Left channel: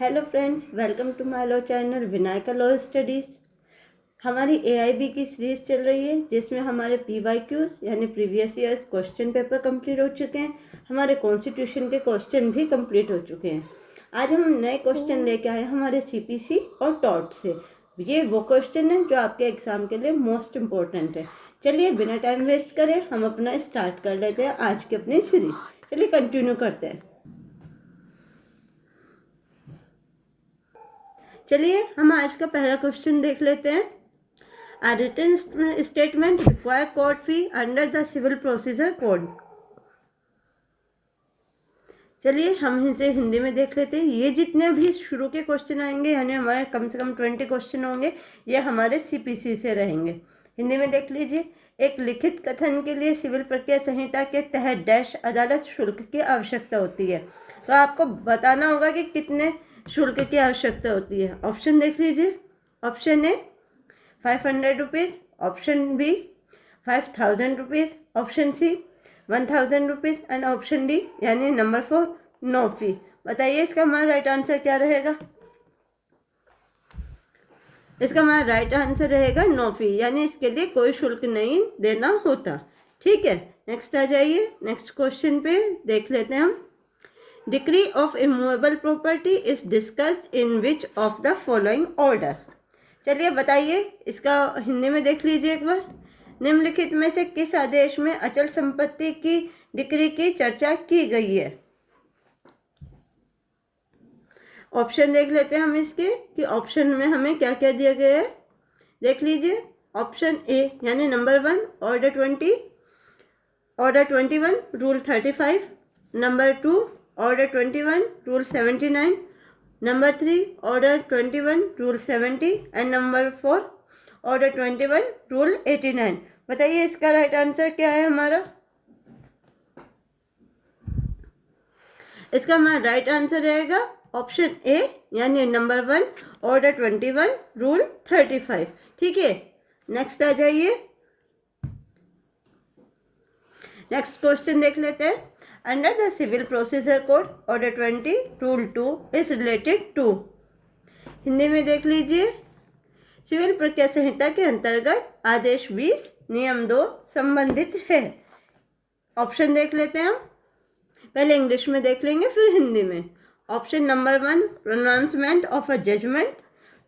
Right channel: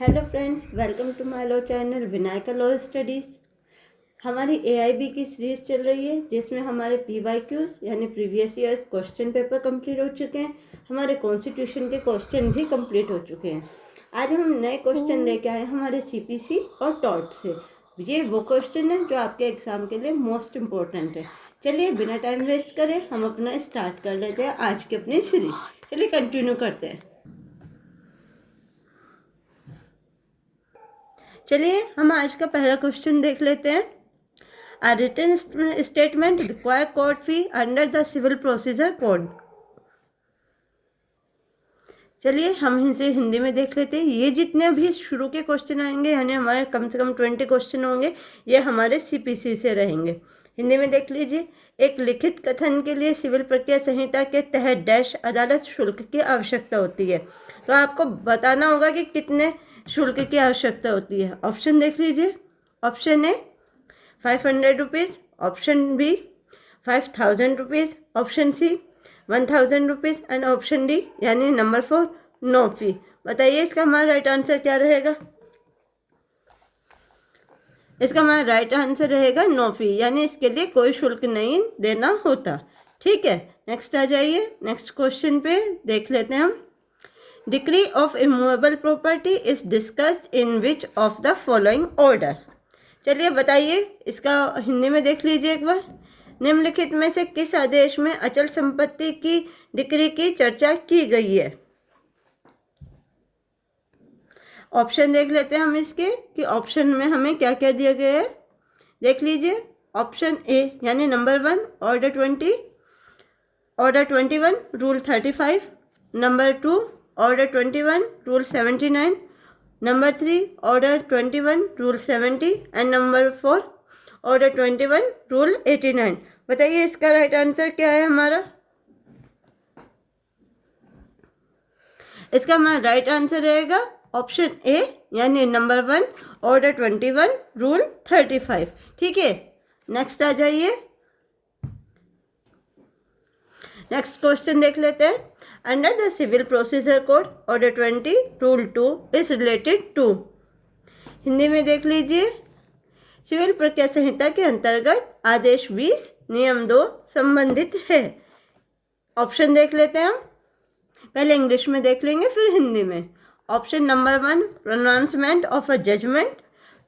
Hello friends, welcome to my law channel Vinayaka law studies. हमारी AIB की series चल रही है जिसमें हमारे पीवाईक्यूज यानी previous year question paper complete हो चुके हैं। हमारे कॉन्स्टिट्यूशन के क्वेश्चन भी कंप्लीट हो चुके हैं। आज हम नए क्वेश्चन लेके आए हैं हमारे सीपीसी और टॉट से। ये वो क्वेश्चन है जो आपके एग्ज़ाम के लिए मोस्ट इम्पोर्टेंट है। चलिए बिना टाइम वेस्ट करे हम अपना स्टार्ट कर लेते हैं आज की अपनी सीरीज़। चलिए कंटिन्यू करते हैं। चलिए हम आज का पहला क्वेश्चन देख लेते हैं। A written statement require court fee under the civil procedure code। चलिए हम इसे हिंदी में देख लेते हैं। ये जितने भी शुरू के क्वेश्चन आएंगे यानी हमारे कम से कम 20 क्वेश्चन होंगे, ये हमारे सीपीसी से रहेंगे। हिंदी में देख लीजिए। एक लिखित कथन के लिए सिविल प्रक्रिया संहिता के तहत डैश अदालत शुल्क की आवश्यकता होती है। तो आपको बताना होगा कि कितने शुल्क की आवश्यकता होती है। ऑप्शन देख लीजिए। Option A 500 rupees, option B 5000 rupees, option C 1000 rupees and option D यानी नंबर 4 नो फी। बताइए इसका हमारा राइट आंसर क्या रहेगा। इसका हमारा राइट आंसर रहेगा नो फी, यानी इसके लिए कोई शुल्क नहीं देना होता। ठीक है, नेक्स्ट आ जाइए। नेक्स्ट क्वेश्चन पे देख लेते हैं हम। Decree of immovable property is discussed in which of the following order. चलिए बताइए इसका हिंदी में देख लीजिए एक बार। निम्नलिखित में से किस आदेश में अचल संपत्ति की डिक्री की चर्चा की गई है। ऑप्शन देख लेते हैं हम इसके कि ऑप्शन में हमें क्या क्या दिया गया है। देख लीजिए। ऑप्शन ए यानी number 1 order 21 rule 35, number 2 order 21 rule 79, number 3 order 21 rule 70 and number 4 order 21 rule 89। बताइए इसका राइट आंसर क्या है हमारा। इसका हमारा राइट आंसर रहेगा ऑप्शन ए यानी नंबर 1 ऑर्डर 21 रूल 35। ठीक है, नेक्स्ट आ जाइए। नेक्स्ट क्वेश्चन देख लेते हैं। Under the civil procedure code order 20 rule 2 is related to. Hindi में देख लीजिए। सिविल प्रक्रिया संहिता के अंतर्गत आदेश 20 नियम 2 संबंधित है। ऑप्शन देख लेते हैं हम। पहले इंग्लिश में देख लेंगे फिर हिंदी में। Option number 1 pronouncement of a judgement,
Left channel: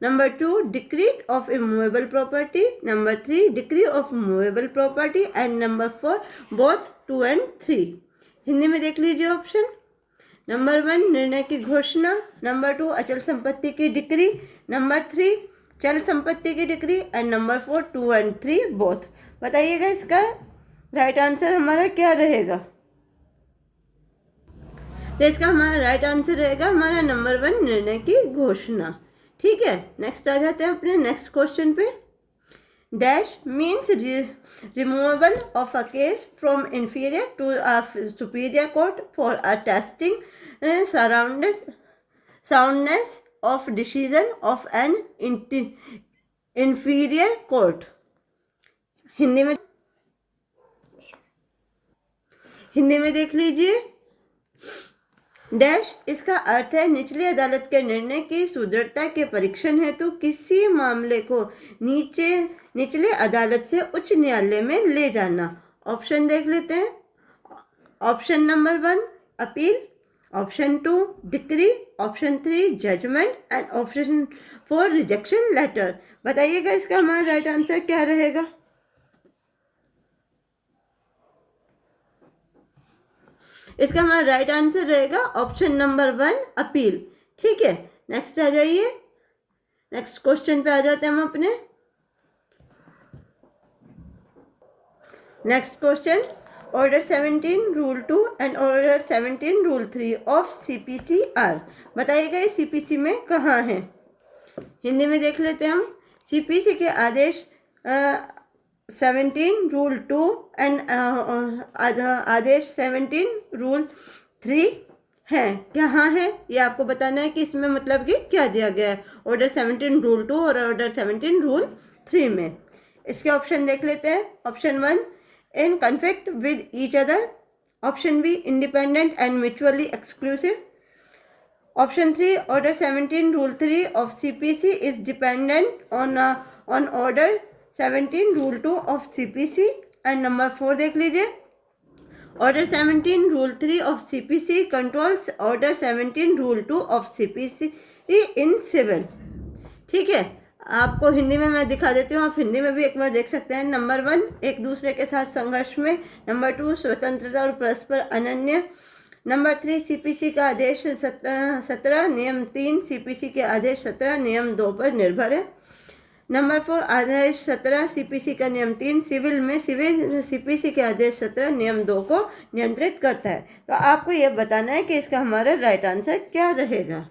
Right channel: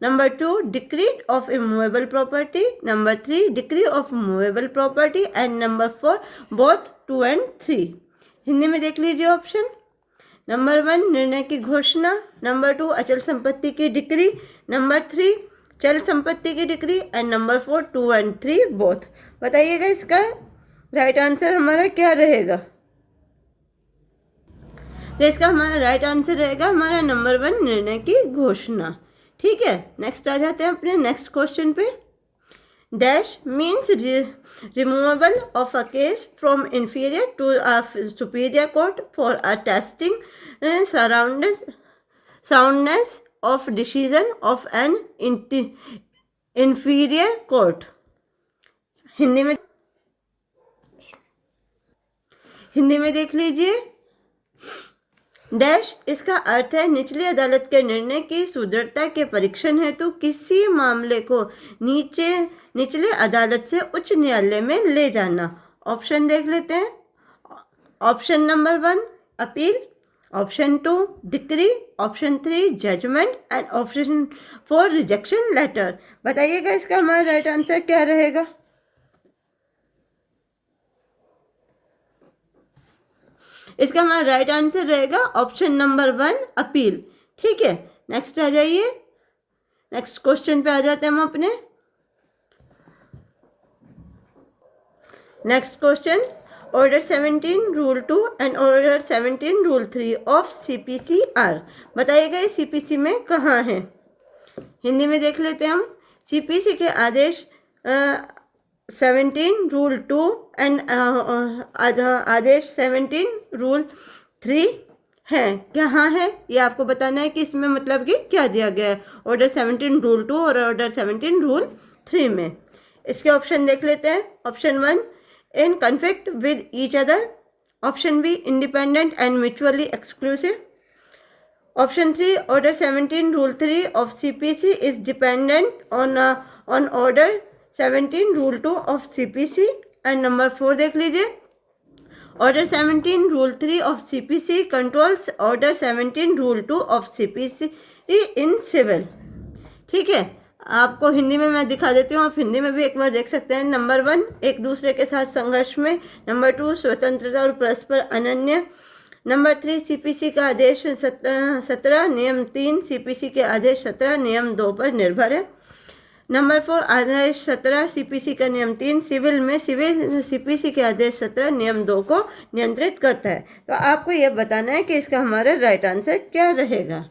number 2 decree of immovable property, number 3 decree of movable property and number 4 both 2 and 3। Hindi में देख लीजिए। ऑप्शन नंबर 1 निर्णय की घोषणा, नंबर 2 अचल संपत्ति की डिक्री, नंबर 3 चल संपत्ति की decree and number 4 2 and 3 both. बताइएगा इसका राइट आंसर हमारा क्या रहेगा। तो इसका हमारा राइट आंसर रहेगा हमारा नंबर 1 निर्णय की घोषणा। ठीक है, नेक्स्ट आ जाते हैं अपने नेक्स्ट क्वेश्चन पे। Dash means removal of a case from inferior to a superior court for a testing soundness of decision of an inferior court. Hindi में देख लीजिए। डैश इसका अर्थ है निचली अदालत के निर्णय की सुदृढ़ता के परीक्षण हेतु किसी मामले को निचले अदालत से उच्च न्यायालय में ले जाना। ऑप्शन देख लेते हैं। Option number 1 appeal, option 2 decree, option 3 judgement and option 4 rejection letter. बताइएगा इसका हमारा राइट आंसर क्या रहेगा। इसका हमारा राइट आंसर रहेगा ऑप्शन नंबर 1 अपील। ठीक है, नेक्स्ट आ जाइए। नेक्स्ट क्वेश्चन पे आ जाते हैं हम अपने। Next question order 17 rule 2 and order 17 rule 3 of CPC are. बताइएगा ये सीपीसी में कहाँ है। हिंदी में देख लेते हैं हम। सीपीसी के आदेश 17 रूल 2 एंड आदेश 17 रूल 3 है। कहाँ है ये आपको बताना है कि इसमें मतलब कि क्या दिया गया है ऑर्डर 17 रूल 2 और ऑर्डर 17 रूल 3 में। इसके ऑप्शन देख लेते हैं। Option 1 in conflict with each other, option B independent and mutually exclusive, option 3, order 17 rule 3 of CPC is dependent on order 17 rule 2 of CPC. And number 4 देख लीजिए, order 17 rule 3 of CPC controls order 17 rule 2 of CPC in civil. ठीक है, आपको हिंदी में मैं दिखा देती हूँ, आप हिंदी में भी एक बार देख सकते हैं। नंबर 1, एक दूसरे के साथ संघर्ष में। नंबर 2, स्वतंत्रता और परस्पर अनन्य। नंबर 3, सीपीसी का आदेश 17 नियम 3 सीपीसी के आदेश 17 नियम 2 पर निर्भर है। नंबर 4, आदेश 17 सीपीसी का नियम 3 सिविल में सीपीसी के आदेश 17 नियम 2 को नियंत्रित करता है। तो आपको यह बताना है कि इसका हमारा राइट आंसर क्या रहेगा।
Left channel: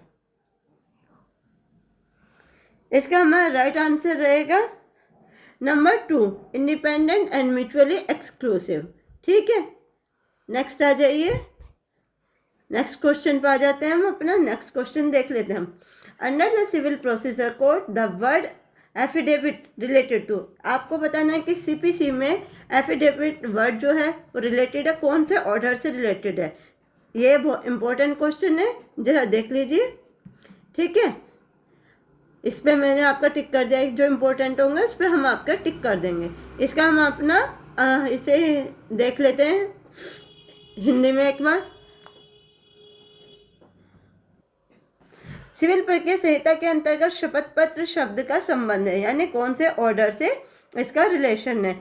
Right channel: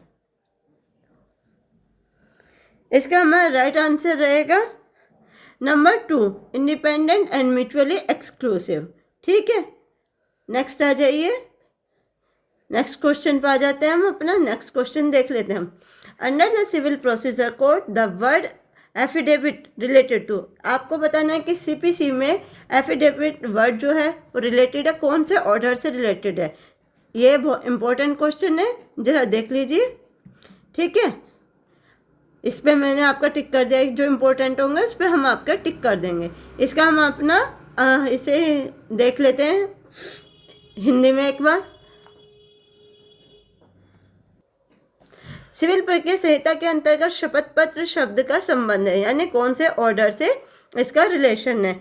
इसका हमारा राइट आंसर रहेगा number 2, independent and mutually exclusive. ठीक है, नेक्स्ट आ जाइए, नेक्स्ट क्वेश्चन पर आ जाते हैं हम। अपना नेक्स्ट क्वेश्चन देख लेते हैं हम। Under the civil procedure code the word affidavit related to, आपको बताना है कि सीपीसी में एफिडेविट वर्ड जो है वो रिलेटेड है, कौन से ऑर्डर से रिलेटेड है। ये बहुत इंपॉर्टेंट क्वेश्चन है, जरा देख लीजिए। ठीक है, इस पर मैंने आपका टिक कर दिया, जो इम्पोर्टेंट होंगे उस पर हम आपका टिक कर देंगे। इसका हम अपना इसे देख लेते हैं हिंदी में एक बार। सिविल प्रक्रिया संहिता के अंतर्गत शपथ पत्र शब्द का संबंध है, यानी कौन से ऑर्डर से इसका रिलेशन है।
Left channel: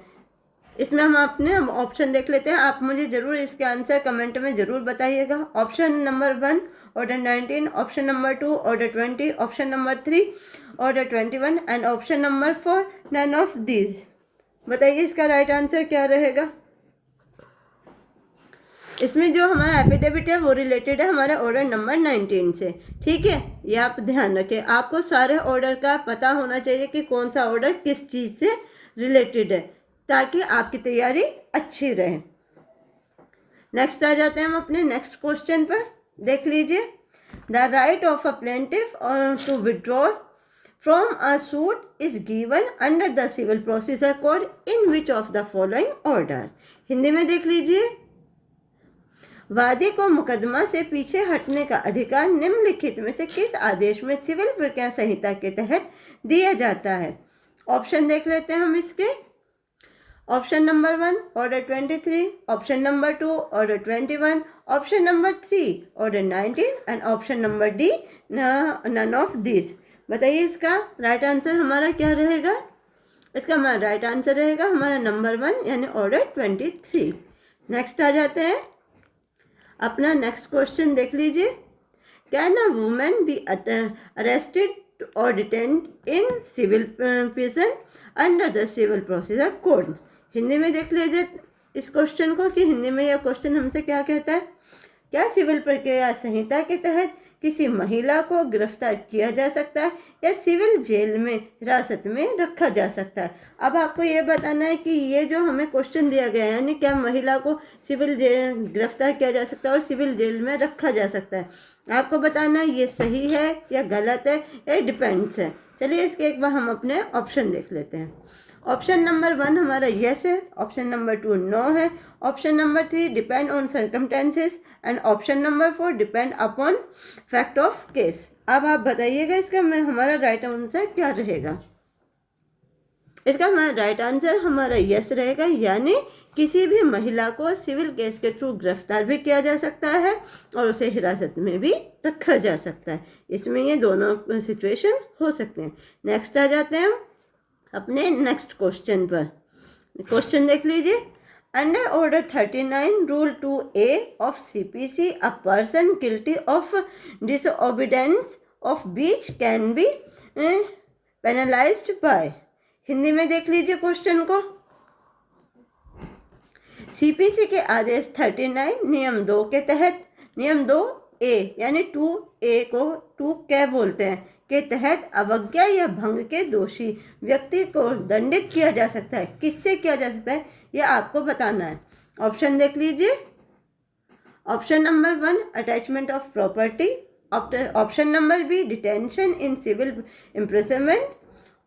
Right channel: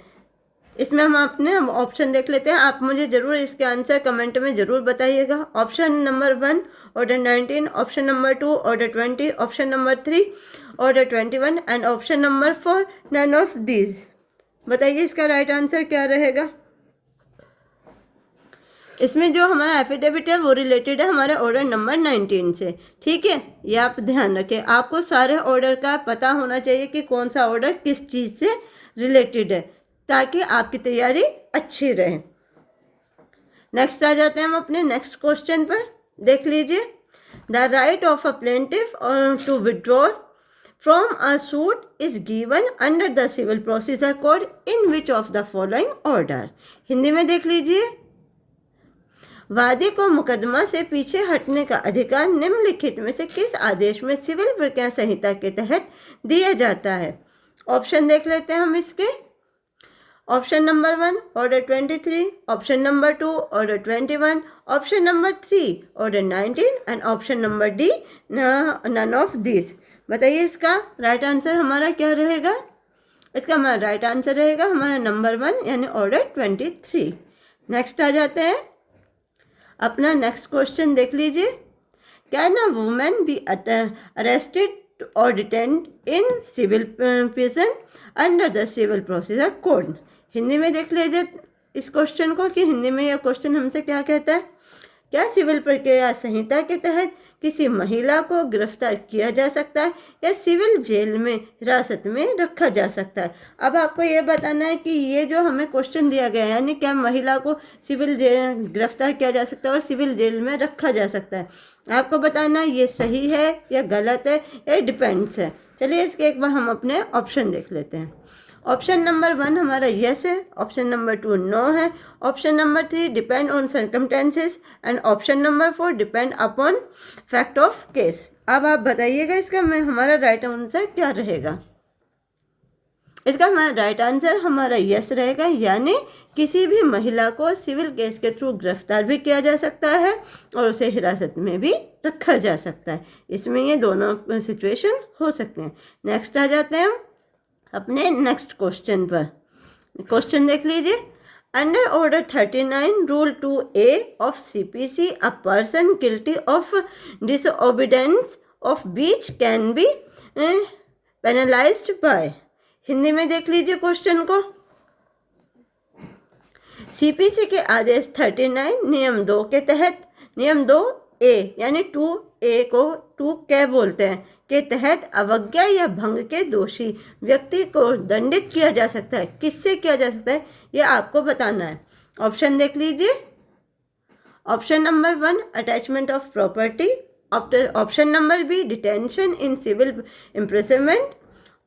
इसमें हम अपने ऑप्शन देख लेते हैं। आप मुझे ज़रूर इसके आंसर कमेंट में ज़रूर बताइएगा। Option number 1 order 19, option number 2 order 20, option number 3 order 21 and option number 4 none of these. बताइए इसका राइट आंसर क्या रहेगा। इसमें जो हमारा एफिडेविट है वो रिलेटेड है हमारे ऑर्डर नंबर 19 से। ठीक है, ये आप ध्यान रखें, आपको सारे ऑर्डर का पता होना चाहिए कि कौन सा ऑर्डर किस चीज़ से रिलेटेड है, ताकि आपकी तैयारी अच्छी रहे। नेक्स्ट आ जाते हैं हम अपने नेक्स्ट क्वेश्चन पर। देख लीजिए, the right of a plaintiff to withdraw from a suit is given under the civil procedure code in which of the following order. Hindi में देख लीजिए, वादी को मुकदमा से पीछे हटने का अधिकार निम्नलिखित में से किस आदेश में सिविल प्रक्रिया संहिता के तहत दिया जाता है। ऑप्शन देख लेते हैं हम इसके। Option number 1 order 23, option number 2 order 21, option number 3 order 19 and option number D none of this. बताइए इसका राइट आंसर हमारा क्या रहेगा। इसका हमारा राइट आंसर रहेगा हमारा नंबर 1 यानी ऑर्डर 23। नेक्स्ट आ जाते हैं अपना नेक्स्ट क्वेश्चन देख लीजिए। Can a woman be arrested और detained in civil prison under the civil procedure code. Hindi में देख लीजिए इस क्वेश्चन को कि हिंदी में यह क्वेश्चन हमसे क्या कहता है। क्या सिविल प्रक्रिया संहिता के तहत किसी महिला को गिरफ्तार किया जा सकता है या सिविल जेल में हिरासत में रखा जा सकता है। अब आपको ये बताना है कि ये जो हमें क्वेश्चन दिया गया है, यानी क्या महिला को सिविल जेल गिरफ्तार किया जा सकता है और सिविल जेल में रखा जा सकता है। आपको बताना है ये सही है या गलत है या डिपेंड्स है। चलिए इसके एक बार हम अपने ऑप्शन देख लेते हैं। ऑप्शन नंबर 1 हमारा यस है, ऑप्शन नंबर 2 नो है, option number 3 depend on circumstances and option number 4 depend upon fact of case. अब आप बताइएगा इसका हमारा राइट आंसर क्या रहेगा। इसका हमारा राइट आंसर हमारा यस रहेगा, यानी किसी भी महिला को सिविल केस के थ्रू गिरफ्तार भी किया जा सकता है और उसे हिरासत में भी रखा जा सकता है। इसमें ये दोनों सिचुएशन हो सकते हैं। नेक्स्ट आ जाते हैं हम अपने नेक्स्ट क्वेश्चन पर। क्वेश्चन देख लीजिए। Under order 39 rule 2A of CPC a person guilty of disobedience of breach can be penalised by. Hindi में देख लीजिए क्वेश्चन को। सीपीसी के आदेश 39 नियम 2 के तहत नियम 2A यानी 2A को 2 क्या बोलते हैं के तहत अवज्ञा या भंग के दोषी व्यक्ति को दंडित किया जा सकता है। किससे किया जा सकता है ये आपको बताना है। ऑप्शन देख लीजिए। Option number 1 attachment of property, option number B detention in civil imprisonment,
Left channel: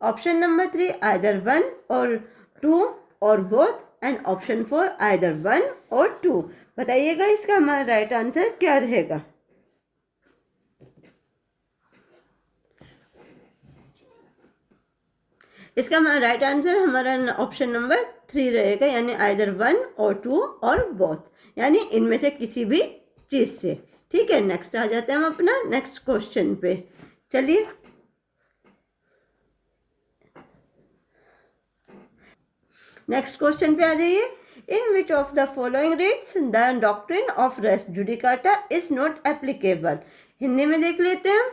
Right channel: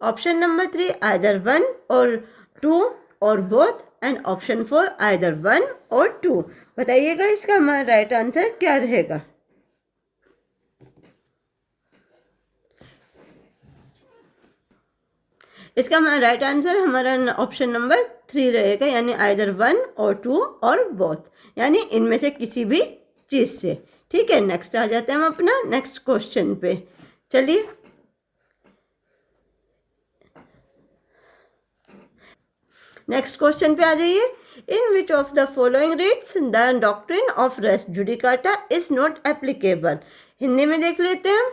option number 3 either 1 और 2 और बोथ एंड ऑप्शन 4 आइदर 1 और 2। बताइएगा इसका हमारा राइट आंसर क्या रहेगा। इसका हमारा राइट आंसर हमारा ऑप्शन नंबर 3 रहेगा, यानी आइदर 1 और 2 और बोथ, यानी इनमें से किसी भी चीज़ से। ठीक है, नेक्स्ट आ जाते हैं हम अपना नेक्स्ट क्वेश्चन पे। चलिए नेक्स्ट क्वेश्चन पे आ जाइए। In which of the following writs the doctrine of res judicata is not applicable. Hindi में देख लेते हैं।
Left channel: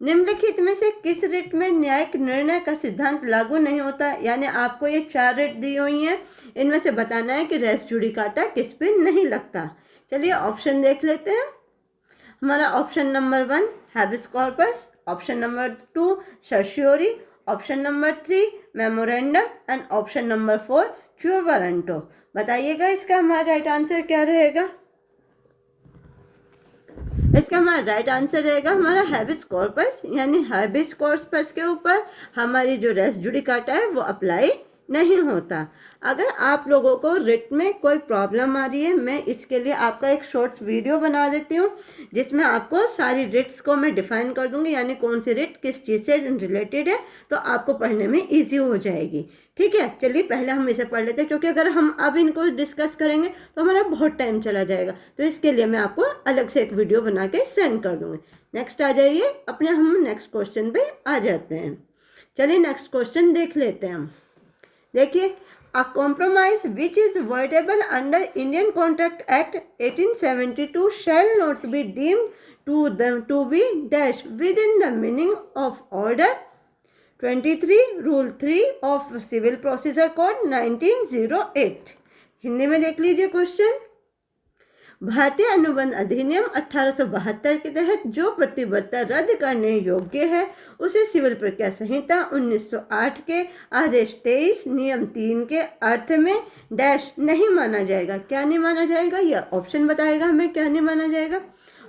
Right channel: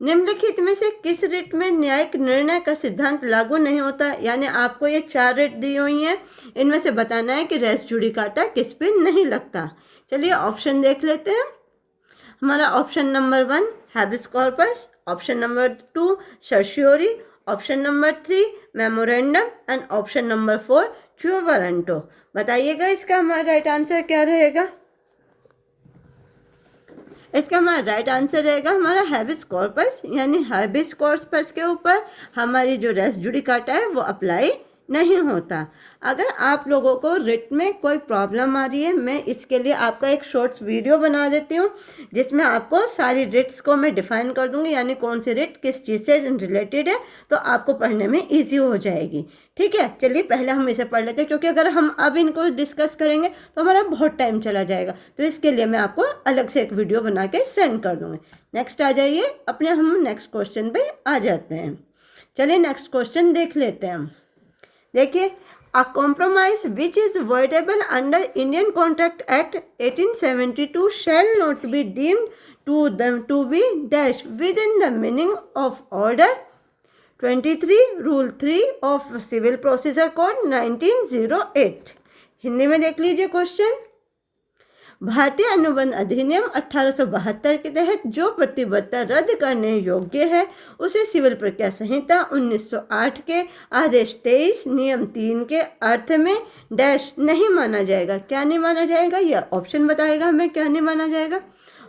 निम्नलिखित में से किस रिट में न्यायिक निर्णय का सिद्धांत लागू नहीं होता। यानी आपको ये 4 रिट दी हुई हैं, इनमें से बताना है कि रेस जुडिकाटा किस पे नहीं लगता। चलिए ऑप्शन देख लेते हैं। हमारा option number 1 habeas corpus, option number 2 certiorari, option number 3 memorandum and option number 4 quo warranto. बताइएगा इसका हमारा राइट आंसर क्या रहेगा। इसका हमारा राइट आंसर रहेगा हमारा हैबिस कॉर्पस, यानी हैबिस कॉर्पस के ऊपर हमारी जो रेस जुडिकाटा है वो अप्लाई नहीं होता। अगर आप लोगों को रिट में कोई प्रॉब्लम आ रही है, मैं इसके लिए आपका एक शॉर्ट्स वीडियो बना देती हूँ जिसमें आपको सारी रिट्स को मैं डिफाइन कर दूंगी, यानी कौन सी रिट किस चीज़ से रिलेटेड है, तो आपको पढ़ने में ईजी हो जाएगी। ठीक है, चलिए पहले हम इसे पढ़ लेते हैं, क्योंकि अगर हम अब इनको डिस्कस करेंगे तो हमारा बहुत टाइम चला जाएगा, तो इसके लिए मैं आपको अलग से एक वीडियो बना के सेंड कर दूँगी। नेक्स्ट आ जाइए, अपने हम नेक्स्ट क्वेश्चन पे आ जाते हैं। चलिए नेक्स्ट क्वेश्चन देख लेते हैं हम। देखिए, a compromise which is voidable under Indian Contract Act 1872 shall not be deemed to be dash within the meaning of order 23 rule 3 of civil procedure code 1908। Hindi में देख लीजिए क्वेश्चन। भारतीय अनुबंध अधिनियम 1872 के तहत जो प्रतिबद्धता रद्द करने योग्य है उसे सिविल प्रक्रिया संहिता 1908 के आदेश 23 नियम 3 के अर्थ में डैश नहीं माना जाएगा। क्या नहीं माना जाएगा, यह ऑप्शन बताएगा हमें क्या नहीं माना जाएगा।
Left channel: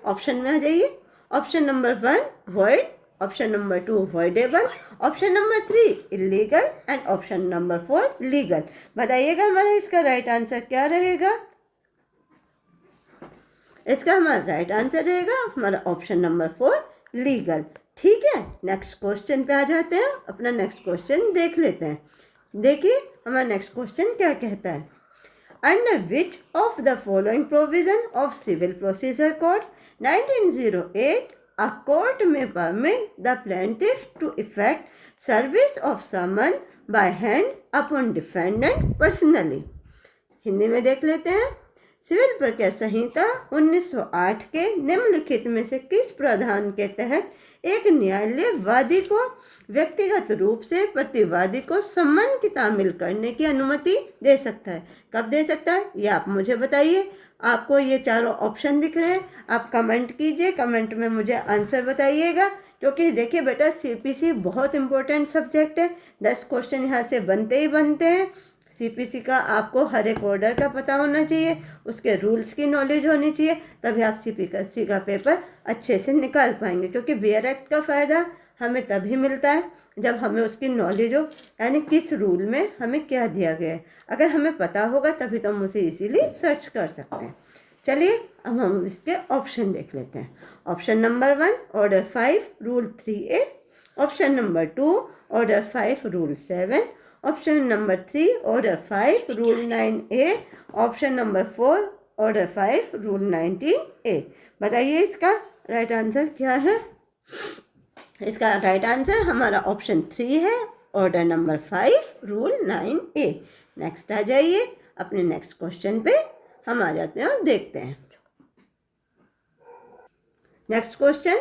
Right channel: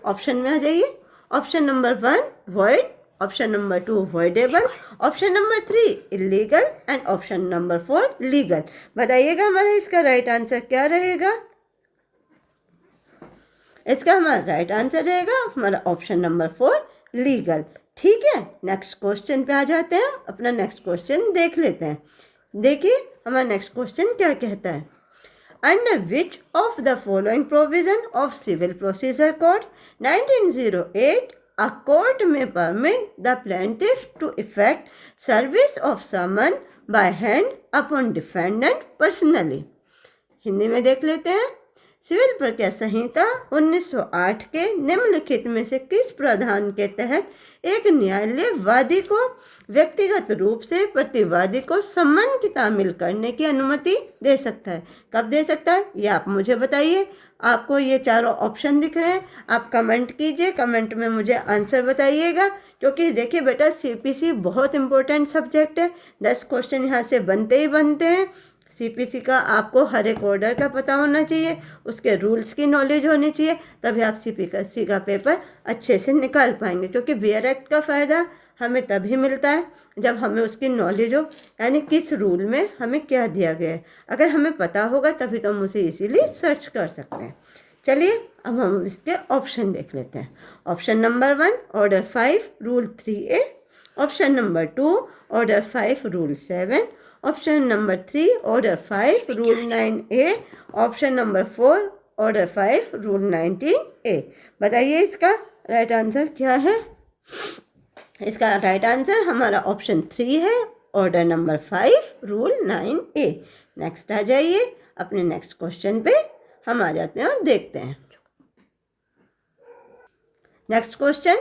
ऑप्शन में आ जाइए। Option number 1 void, option number 2 voidable, option number 3 illegal and option number 4 legal. बताइएगा हमारा इसका राइट आंसर क्या रहेगा। इसका हमारा राइट आंसर रहेगा हमारा ऑप्शन नंबर 4 लीगल। ठीक है, नेक्स्ट क्वेश्चन पे आ जाते हैं। अपना नेक्स्ट क्वेश्चन देख लेते हैं। देखिए हमारा नेक्स्ट क्वेश्चन क्या कहता है। Under which of the following provision of civil procedure code 1908 a court may permit the plaintiff to effect service of summon by hand upon defendant personally. Hindi में देख लेते हैं। सिविल प्रक्रिया संहिता 1908 के निम्नलिखित में से किस प्रावधान के तहत एक न्यायालय वादी को व्यक्तिगत रूप से प्रतिवादी को सम्मन की तामील करने की अनुमति दे सकता है। कब दे सकता है ये आप मुझे बताइए। आपको ये चारों ऑप्शन दिख रहे हैं, आप कमेंट कीजिए, कमेंट में मुझे आंसर बताइएगा। क्योंकि देखिए बेटा, सीपीसी बहुत इंपॉर्टेंट सब्जेक्ट है, 10 क्वेश्चन यहाँ से बनते ही बनते हैं। सीपीसी का आपको हर एक ऑर्डर का पता होना चाहिए, उसके रूल्स की नॉलेज होनी चाहिए, तभी आप सीपीसी का पेपर अच्छे से निकाल पाएंगे। क्योंकि बीआर एक्ट का फ़ायदा हमें तभी मिलता है जब हमें उसकी नॉलेज हो, यानी किस रूल में हमें क्या दिया गया है। अगर हमें पता होगा तभी तो हम उसे इसीलिए सर्च कर सकते हैं। चलिए अब हम इसके ऑप्शन देख लेते हैं। Option number 1 order 5 rule 3A, option number 2 order 5 rule 7, option number 3 order 5 rule 9A, option number 4 order 5 rule 19A। बताइए इसका राइट आंसर क्या है। इसका राइट आंसर हमारा ऑप्शन 3 है, order number 5 rule 9A। Next आ जाइए, अपने नेक्स्ट क्वेश्चन पे हम आ जाते हैं और देखते हैं। नेक्स्ट क्वेश्चन,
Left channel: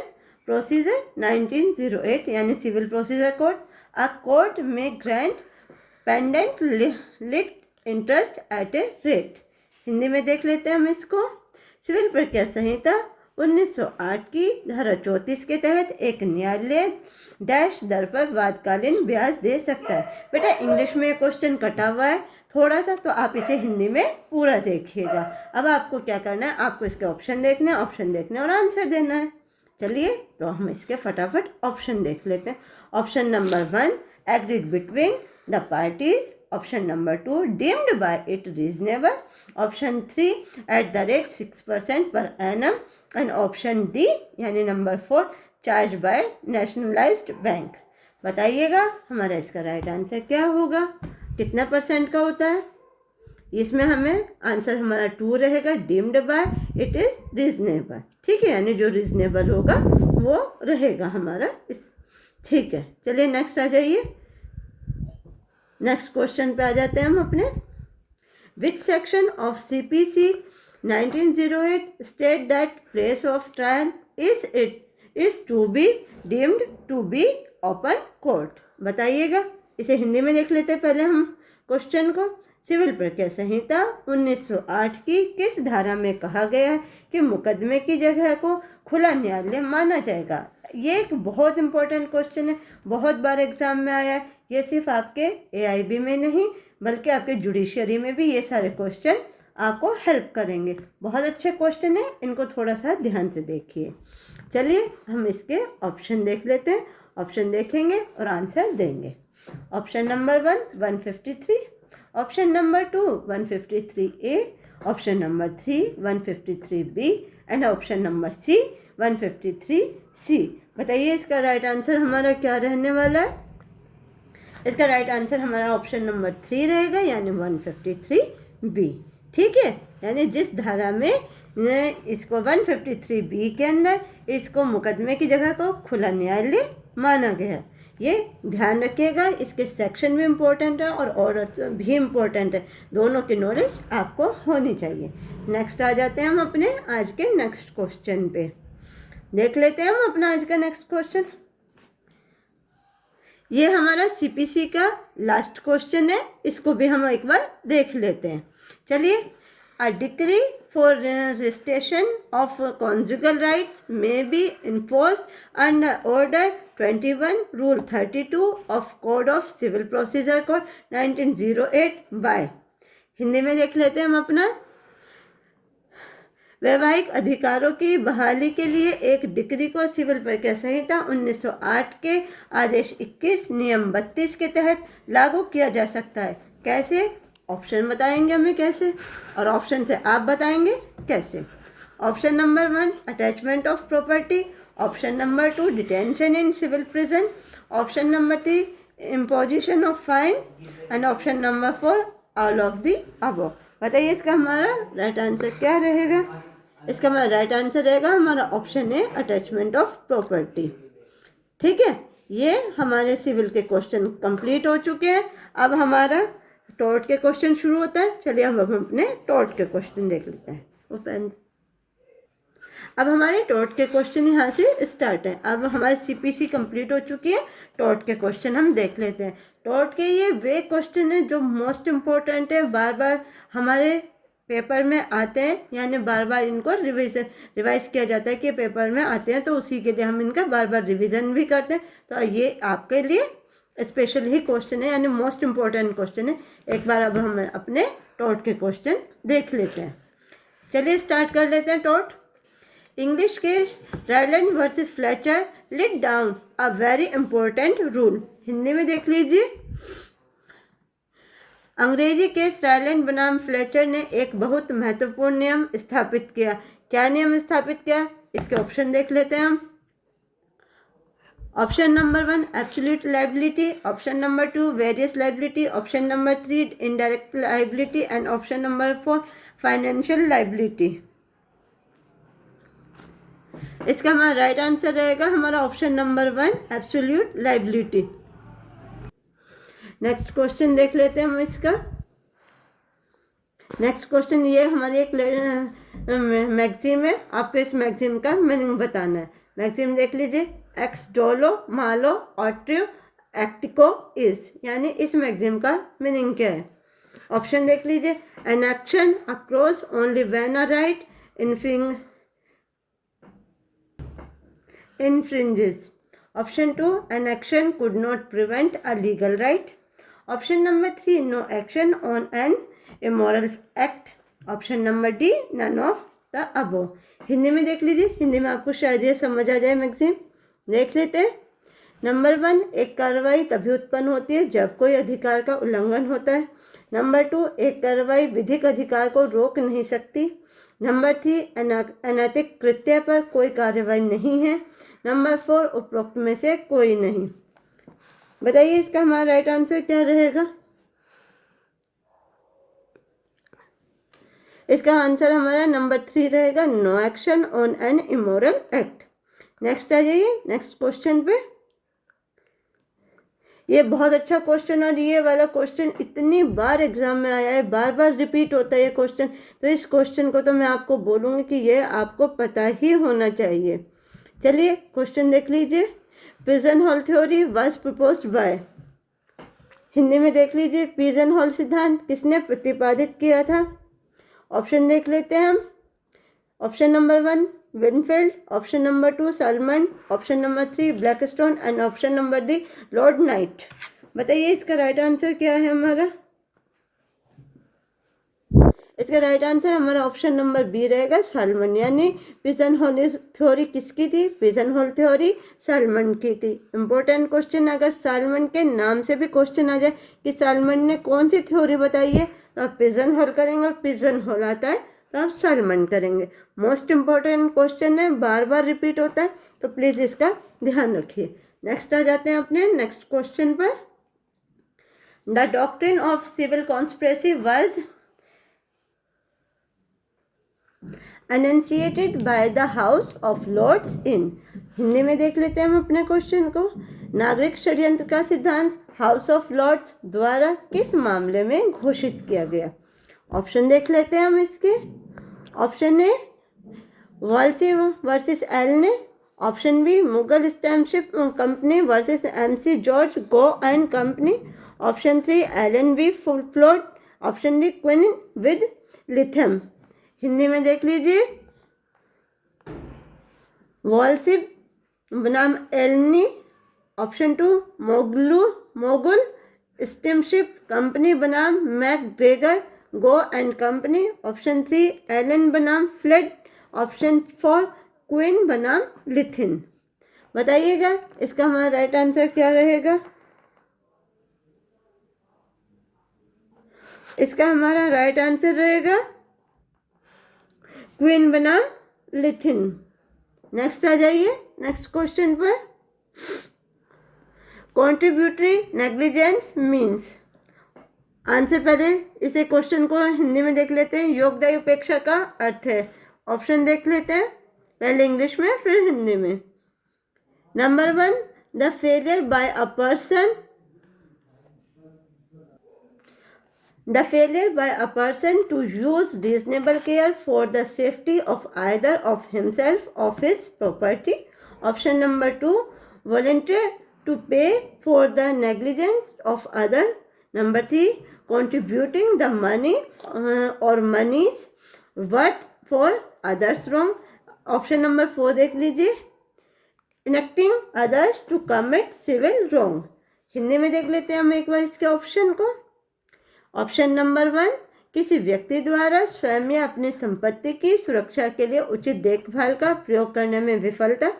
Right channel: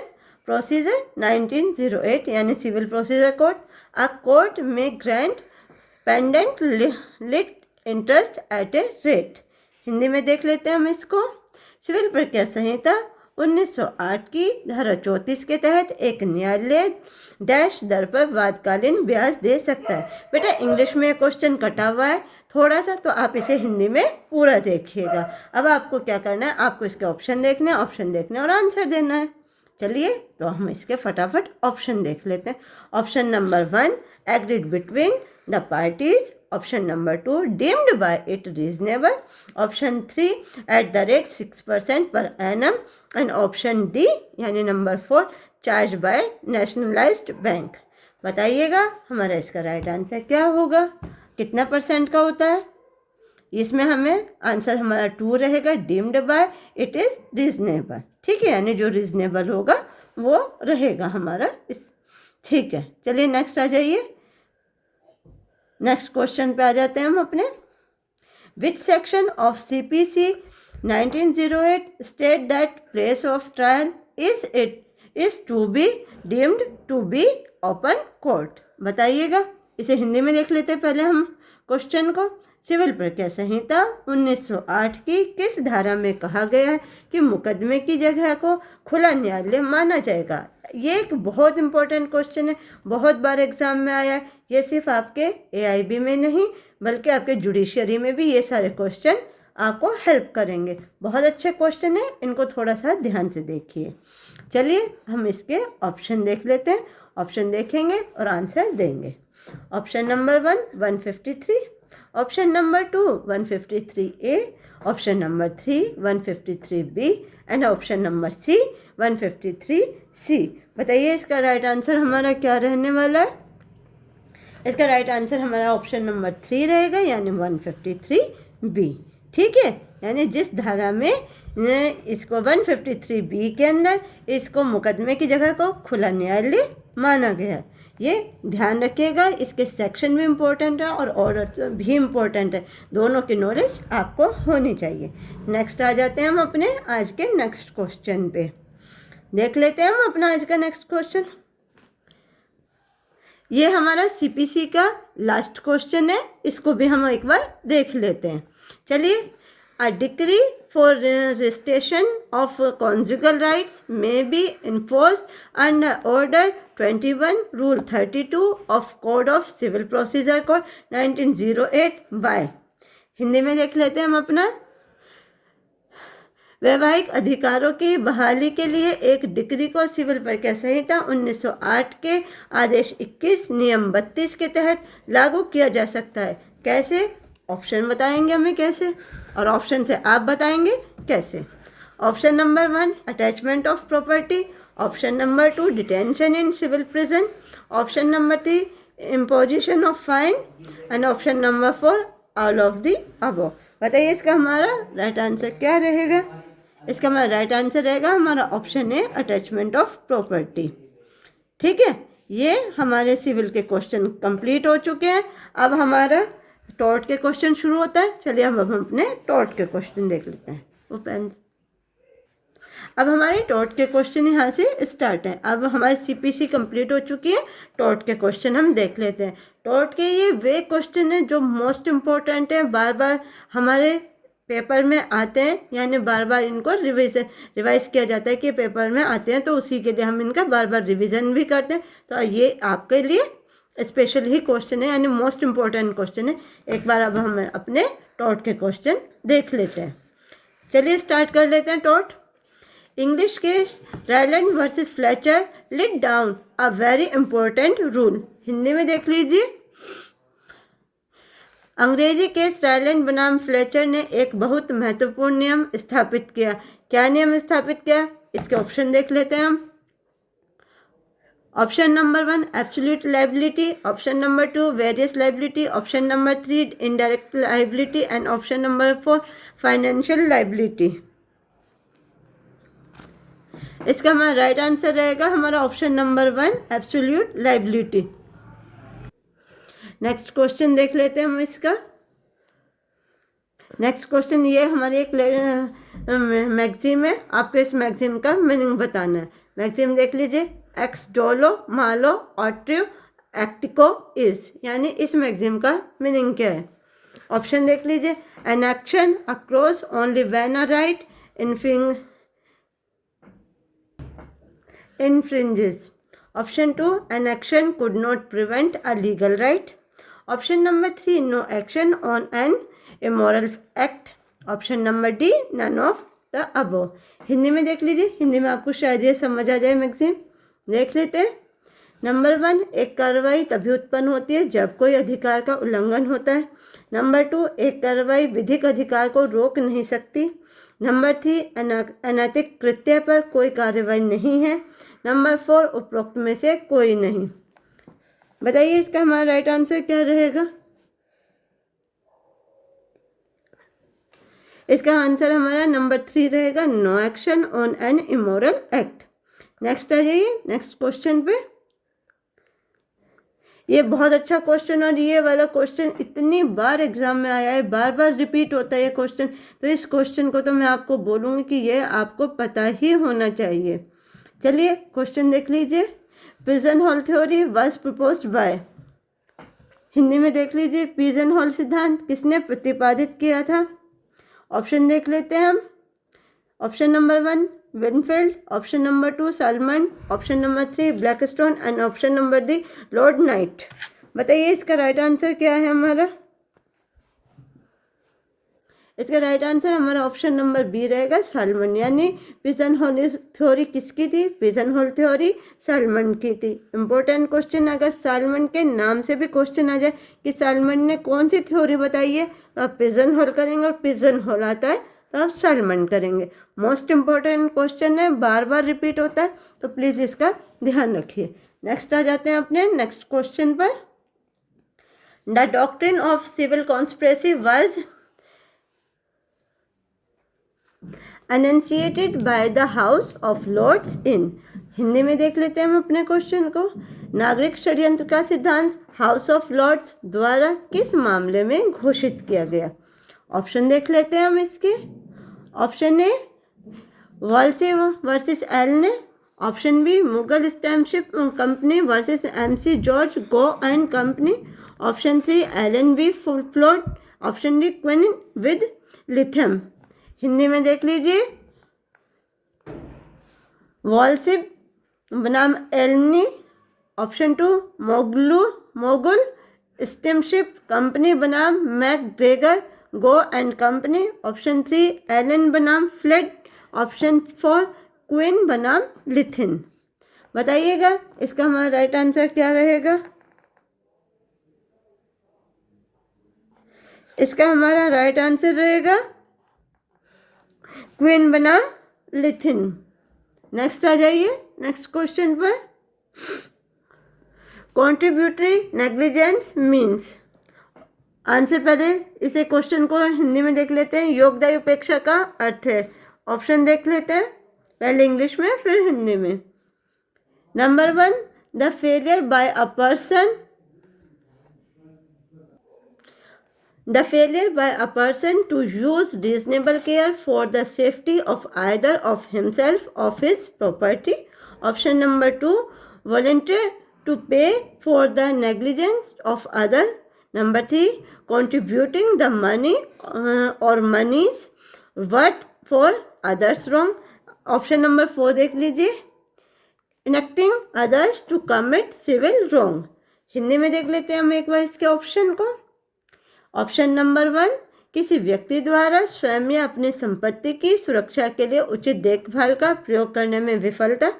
प्रोसीजर 1908 यानी civil procedure code. A court may grant pendente lite interest at a rate. Hindi में देख लेते हैं हम इसको। सिविल प्रक्रिया संहिता 1908 की धारा 34 के तहत एक न्यायालय डैश दर पर वादकालीन ब्याज दे सकता है। बेटा इंग्लिश में क्वेश्चन कटा हुआ है थोड़ा सा, तो आप इसे हिंदी में पूरा देखिएगा। अब आपको क्या करना है, आपको इसके ऑप्शन देखने हैं, ऑप्शन देखने और आंसर देना है। चलिए तो हम इसके फटाफट ऑप्शन देख लेते हैं। Option number 1 agreed between the parties, option number 2 deemed by it reasonable, option 3 at the rate 6% per annum and option D यानी number 4 charge by nationalised bank. बताइएगा हमारा इसका राइट आंसर क्या होगा, कितना % का होता है। इसमें हमें आंसर हमारा 2 रहेगा, deemed by it is reasonable. ठीक है, यानी जो रीजनेबल होगा वो रहेगा हमारा इस। ठीक है, चलिए नेक्स्ट आ जाइए। नेक्स्ट क्वेश्चन पे आ जाते हैं हम अपने। Which section of CPC 1908 state that place of trial is to be deemed to be open court. बताइएगा, इसे हिंदी में देख लेते हैं पहले हम क्वेश्चन को। सिविल प्रक्रिया संहिता 1908 की किस धारा में कहा गया है कि मुकदमे की जगह को खुला न्यायालय माना जाएगा। ये एक बहुत इंपॉर्टेंट क्वेश्चन है, बहुत बार एग्जाम में आया है। ये सिर्फ आपके AIB में नहीं बल्कि आपके जुडिशरी में भी ये सारे क्वेश्चन आपको हेल्प करेंगे। बहुत अच्छे क्वेश्चन है, इनको थोड़ा सा ध्यान से देखिए। चलिए हम इसके ऑप्शन देख लेते हैं। ऑप्शन देखेंगे और आंसर देंगे। Option number 1 153, option number 2 153A, option number 3 153B and option number C 153C। बताइए इसका राइट आंसर हमारा क्या रहने वाला है। इसका राइट आंसर हमारा ऑप्शन नंबर 3 रहेगा, यानी 153B। ठीक है, यानी जिस धारा में इसको 153B के अंदर इसको मुकदमे की जगह को खुला न्यायालय माना गया। ये ध्यान रखिएगा, इसके सेक्शन भी इम्पोर्टेंट है और ऑर्डर भी इम्पोर्टेंट है, दोनों की नॉलेज आपको होनी चाहिए। नेक्स्ट आ जाते हैं हम अपने आज के नेक्स्ट क्वेश्चन पे। देख लेते हैं हम अपना आज का नेक्स्ट क्वेश्चन। ये हमारा CPC का लास्ट क्वेश्चन है, इसको भी हम एक बार देख लेते हैं। चलिए, A decree for restoration of conjugal rights may be enforced under Order 21 Rule 32 of Code of Civil Procedure Code 1908 by। Hindi में देख लेते हैं हम अपना। वैवाहिक अधिकारों की बहाली के लिए एक डिक्री को सिविल प्रक्रिया संहिता 1908 के आदेश 21 नियम 32 के तहत लागू किया जा सकता है। कैसे? ऑप्शन बताएंगे हमें कैसे, और ऑप्शन से आप बताएंगे कैसे। Option number 1 attachment of property, option number 2 detention in civil prison, option number 3 imposition of fine and option number 4 all of the above. बताइए इसका हमारा राइट आंसर क्या रहेगा। इसका हमारा राइट आंसर रहेगा हमारा ऑप्शन है अटैचमेंट ऑफ प्रॉपर्टी। ठीक है, ये हमारे सिविल के क्वेश्चन कंप्लीट हो चुके हैं। अब हमारा टॉर्ट के क्वेश्चन शुरू होता है। चलिए हम अपने टॉर्ट के क्वेश्चन देख लेते हैं। ओपन। अब हमारे टॉर्ट के क्वेश्चन यहाँ से स्टार्ट है। अब हमारी CPC कंप्लीट हो चुकी है, टॉर्ट के क्वेश्चन हम देख लेते हैं। टॉर्ट के ये वे क्वेश्चन है जो मोस्ट इम्पोर्टेंट है, बार बार हमारे पेपर में आते हैं, यानी बार बार इनको रिवाइज किया जाता है कि पेपर में आते हैं, तो उसी के लिए हम इनका बार बार रिविज़न भी करते हैं। तो ये आपके लिए स्पेशल ही क्वेश्चन है, यानी मोस्ट इम्पोर्टेंट क्वेश्चन है। एक बार अब हम अपने टॉर्ट के क्वेश्चन देख लेते हैं। चलिए स्टार्ट कर लेते हैं tort. English case Ryland versus Fletcher let down a very important rule. Hindi में देख लीजिए। अंग्रेजी केस रायलैंड बनाम फ्लेचर ने एक बहुत महत्वपूर्ण नियम स्थापित किया। क्या नियम स्थापित किया, इसके ऑप्शन देख लेते हैं हम। Option number 1 absolute liability, option number 2 various liability, option number 3 indirect liability and option number 4 financial liability. इसका हमारा राइट आंसर रहेगा हमारा option number 1 absolute liability. Next question देख लेते हैं हम इसका। नेक्स्ट क्वेश्चन ये हमारे एक मैगजीन है, आपको इस मैगजीन का मीनिंग बताना है। मैगजीन देख लीजिए। एक्स डोलो मालो ऑट्रियो एक्टिको इज, यानी इस मैगजीन का मीनिंग क्या है। ऑप्शन देख लीजिए। An action across only when a right infringes. Option 2 an action could not prevent a legal right. Option number 3 no action on an immoral act. Option number D none of the above. Hindi में देख लीजिए, हिंदी में आपको शायद ये समझ आ जाए। Magazine देख लेते हैं। नंबर 1 एक कार्रवाई तभी उत्पन्न होती है जब कोई अधिकार का उल्लंघन होता है। नंबर 2 एक कार्रवाई विधिक अधिकार को रोक नहीं सकती। नंबर 3 अनैतिक कृत्य पर कोई कार्रवाई नहीं है। नंबर 4 उपरोक्त में से कोई नहीं। बताइए इसका हमारा राइट आंसर क्या रहेगा? इसका आंसर हमारा नंबर 3 रहेगा, no action on an immoral act. Next आ जाइए नेक्स्ट क्वेश्चन पे। ये बहुत अच्छा क्वेश्चन, और ये वाला क्वेश्चन इतनी बार एग्जाम में आया है, बार बार रिपीट होता है ये क्वेश्चन, तो इस क्वेश्चन को तो मैं आपको बोलूँगी कि ये आपको पता ही होना चाहिए। चलिए क्वेश्चन देख लीजिए। Pigeon whole theory was proposed by, Hindi में देख लीजिए, पिजन होल सिद्धांत किसने प्रतिपादित किया था? ऑप्शन देख लेते हैं हम। Option number 1 Winfield, option number 2 salmon, option number 3 Blackstone and option number D Lord night. बताइए इसका राइट आंसर क्या है हमारा? इसका राइट आंसर हमारा ऑप्शन नंबर बी रहेगा, सालमन। यानी पिजन होल थ्योरी किसकी थी? पिजन होल थ्योरी सालमन की थी। इंपॉर्टेंट क्वेश्चन, अगर सालमन के नाम से भी क्वेश्चन आ जाए कि सालमन ने कौन सी थ्योरी बताई है, तो आप पिजन होल करेंगे, और पिजन होल आता है तो आप सालमन करेंगे। मोस्ट इंपॉर्टेंट क्वेश्चन है, बार बार रिपीट होता है, तो प्लीज़ इसका ध्यान रखिए। नेक्स्ट आ जाते हैं अपने नेक्स्ट क्वेश्चन पर। The doctrine of civil conspiracy was enunciated by the House of Lords in, Hindi में देख लेते हैं हम अपने क्वेश्चन को। नागरिक षड्यंत्र का सिद्धांत हाउस ऑफ लॉर्ड्स द्वारा किस मामले में घोषित किया गया? ऑप्शन देख लेते हैं हम इसके। Option A Walsey versus Elney, option B Mogul steamship company versus एमसी जॉर्ज Gow and company, option 3 Allen v Flood, option D Quinn v Leathem. Hindi में देख लीजिए, वॉल्सिप बनाम Elney, option 2 Mogul steamship company बनाम McGregor Gow and company, option 3 Allen बनाम Flood, option 4 Quinn बनाम Leathem. बताइएगा इसका हमारा राइट आंसर क्या रहेगा? इसका हमारा राइट आंसर रहेगा क्वीन बनाम लिथिन। नेक्स्ट आ जाइए नेक्स्ट क्वेश्चन पर। कॉन्ट्रीब्यूटरी नेग्लिजेंस मीन्स, आंसर पहले इसे क्वेश्चन को हिंदी में देख लेते हैं। योगदायी उपेक्षा का अर्थ है। ऑप्शन देख लेते हैं, पहले इंग्लिश में फिर हिंदी में। Number 1 the failure by a person, the failure by a person to use reasonable care for the safety of either of himself or his property. Option number 2 volunteer to pay for the negligence of other. Number 3 contributing the money or monies worth for others wrong. Option number 4 देख लीजिए, enacting others to commit civil wrong। Hindi में देख लेते हैं हम एक बार इसके option को। ऑप्शन नंबर 1 किसी व्यक्ति द्वारा स्वयं या अपनी संपत्ति की सुरक्षा के लिए उचित देखभाल का प्रयोग करने में विफलता।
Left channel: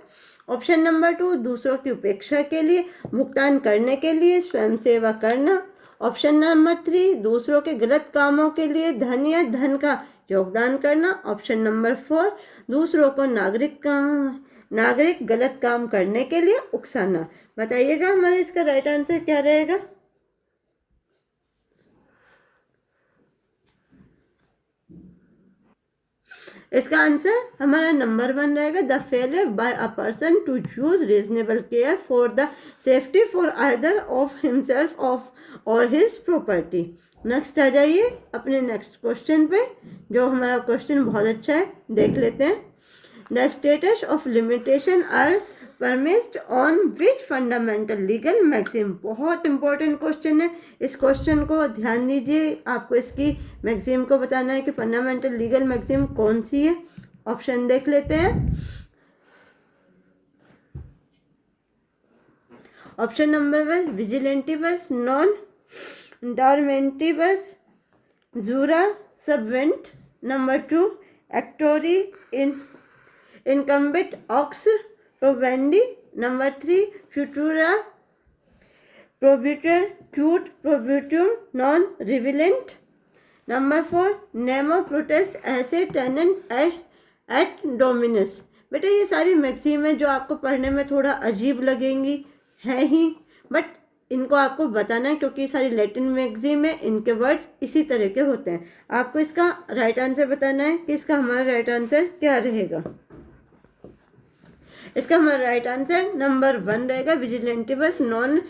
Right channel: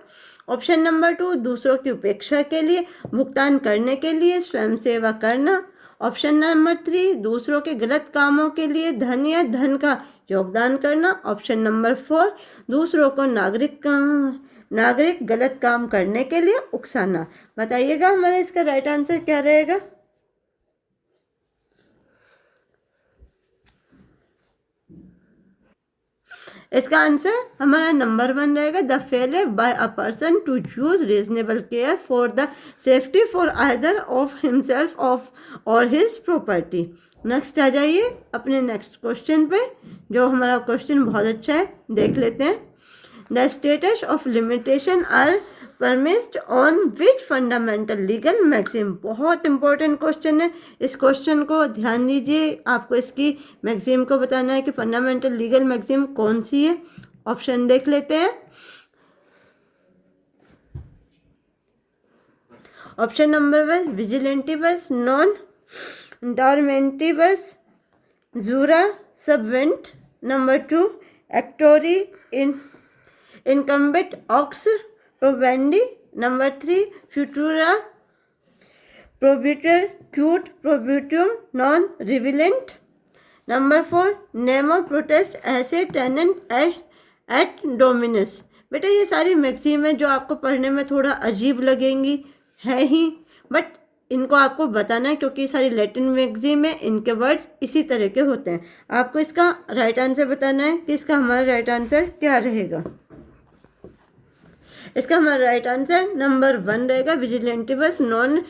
ऑप्शन नंबर 2 दूसरों की उपेक्षा के लिए भुगतान करने के लिए स्वयं सेवा करना। ऑप्शन नंबर 3 दूसरों के गलत कामों के लिए धन या धन का योगदान करना। ऑप्शन नंबर 4 दूसरों को नागरिक गलत काम करने के लिए उकसाना। बताइएगा हमारा इसका राइट आंसर क्या रहेगा? इसका आंसर हमारा नंबर 1 रहेगा, the failure by a person to use reasonable care for the safety for either of himself of और हिज प्रॉपर्टी। नेक्स्ट आ जाइए अपने नेक्स्ट क्वेश्चन पे, जो हमारा क्वेश्चन बहुत अच्छा है, देख लेते हैं। The statutes of limitation are premised on which fundamental legal maxim, बहुत इंपॉर्टेंट क्वेश्चन है। इस क्वेश्चन को ध्यान दीजिए, आपको इसकी मैक्सिम को बताना है कि फंडामेंटल लीगल मैक्सिम कौन सी है। ऑप्शन देख लेते हैं। Option number 1 vigilantibus non dormientibus jura subveniunt. Number 2 actori incumbit onus probandi. Number 3 frustra probatur quod probatum non relevat. Number 4 nemo potest esse tenens et dominus. बेटा ये सारी मैक्सिम है जो आपको पढ़ने में थोड़ा अजीब लगेंगी, है ही, बट इनको आपको बताना है क्योंकि सारी लैटिन मैगजीन में इनके वर्ड्स इसी तरह के होते हैं। आपको इसका राइट आंसर बताना है कि इसका हमारा राइट आंसर क्या रहेगा। इसका हमारा राइट आंसर नंबर 1 रहेगा, विजिलेंटिवस नॉन